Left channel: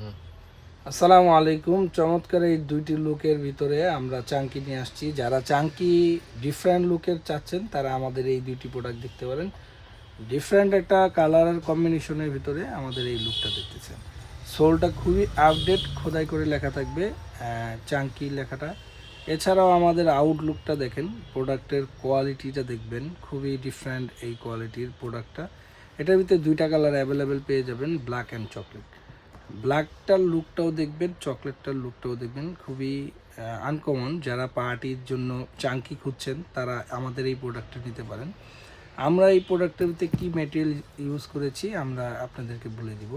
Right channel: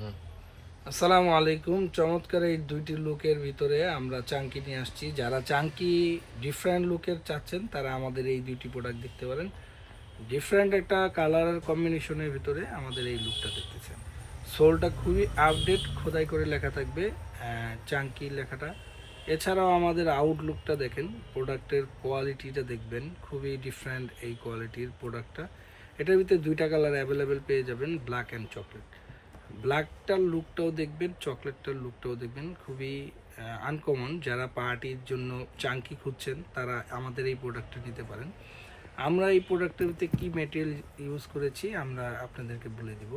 আসসালামু আলাইকুম। চমৎকার এই দুইটি লুকের ভিতরে আমরা চাঙ্কি নিয়ে আসছি। যারা চাঙ্কি ডিফারেন্ট লুকের চাচ্ছেন তারা আমাদের এই দুইটি প্রোডাক্ট দেখতে পারেন। ডিফারেন্ট একটা কালার আর কম্বিনেশনের ভিতরে আমাদের এই লুকটা দেখতেছেন। সোলটা খুবই আপডেট খোদাই করে লেখা থাকবে চাঙ্কি লেখাটা। এছাড়াও আমাদের আউটলুকটা দেখেন, প্রোডাক্টের কোয়ালিটিটা দেখবেন, খুবই ডিফারেন্ট এই কোয়ালিটির প্রোডাক্টটা। এটার ভিতরে দুইটা কালার অ্যাভেলেবেল পেয়ে যাবেন, ব্ল্যাক অ্যান্ড চকলেট। ব্ল্যাকটার লুকটাও দেখবেন, চকলেটটার লুকটাও দেখবেন, খুবই আনকমন। যারা পার্টির জন্য চাঙ্কি খুঁজছেন তারা আমাদের এই প্রোডাক্টটা নিতে পারেন। আমরা এই প্রোডাক্টের ভিতরে কী মেটেরিয়াল ইউজ করেছি আমরা আপনাদেরকে বলে দিব।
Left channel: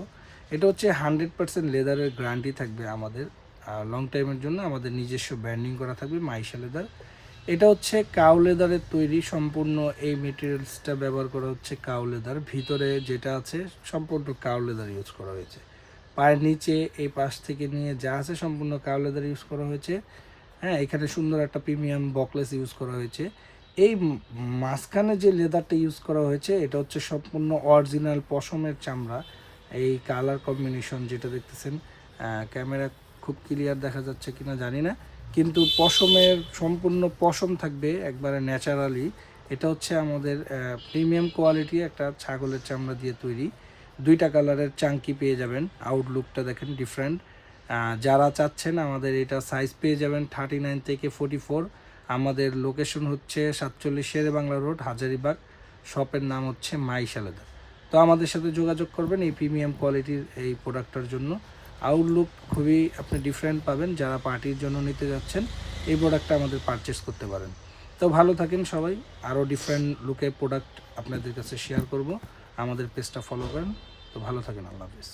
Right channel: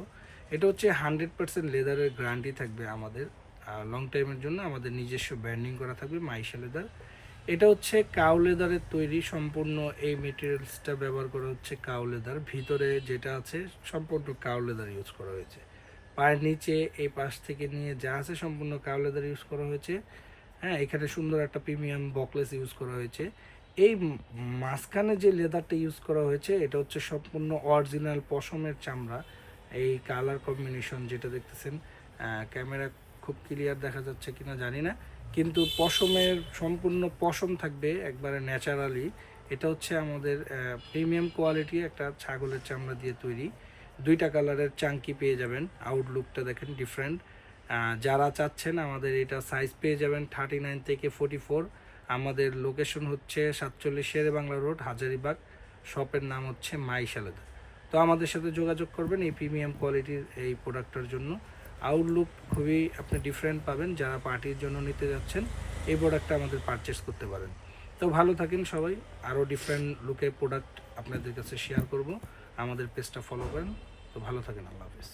এটা হচ্ছে 100% লেদারের গ্যারান্টি থাকবে আমাদের লং টাইমের জন্য। আমাদের নিজস্ব ব্র্যান্ডিং করা থাকবে মাইশা লেদার। এটা হচ্ছে কাউ লেদারের তৈরি, সম্পূর্ণ এই মেটেরিয়ালসটা ব্যবহার করা হচ্ছে কাউ লেদার। ভিতরে যেটা আছে সম্পূর্ণ কাউ লেদার ইউজ করা হয়েছে। পায়ের নিচে এই পাশ থেকে নিয়ে যা আছে সম্পূর্ণ কাউ লেদার ইউজ করা হয়েছে। হ্যাঁ, এখানে সুন্দর একটা প্রিমিয়াম বকলেস ইউজ করা হয়েছে। এই মাঝখানে যে লেদারটা ইউজ করা হয়েছে এটা হচ্ছে সম্পূর্ণ অরিজিনাল পশমের চামড়া। এই কালার কম্বিনেশন যেটা দেখতেছেন, ক্যামেরা খুব ক্লিয়ার দেখা যাচ্ছে কিনা জানি না, কিন্তু পশমের সম্পূর্ণ পশম থাকবে একবারে ন্যাচারালি। এটা হচ্ছে আমাদের প্রিমিয়াম কোয়ালিটি একটা ছাগলের চামড়া দিয়ে তৈরি। দুইটা কালারের চাঙ্কি পেয়ে যাবেন। আউটলুকটা দেখেন ডিফারেন্ট। যারা চাচ্ছেন আমাদের এটা সাইজ পেয়ে যাবেন 39 থেকে 44। আমাদের লোকেশন হচ্ছে 47 শেরে বাংলা রোড, হাজারিবাগ। শপের নাম হচ্ছে মাইশা লেদার। তো আমাদের সাথে যোগাযোগ করবেন এই প্রিমিয়াম কোয়ালিটির এই প্রোডাক্টটার জন্য। আউটলুক খুবই আপনি ডিফারেন্ট পাবেন। যারা পার্টির জন্য নিতে যাচ্ছেন এই প্রোডাক্টটা আমাদের পারচেস করতে পারেন। তো ভালো থাকেন সবাই। আরও ডিফারেন্ট লুকের প্রোডাক্ট আপনাদের কাছে শেয়ার করব। আমাদের পেজটা ফলো করেন। তো ভালো থাকেন, আল্লাহ হাফেজ।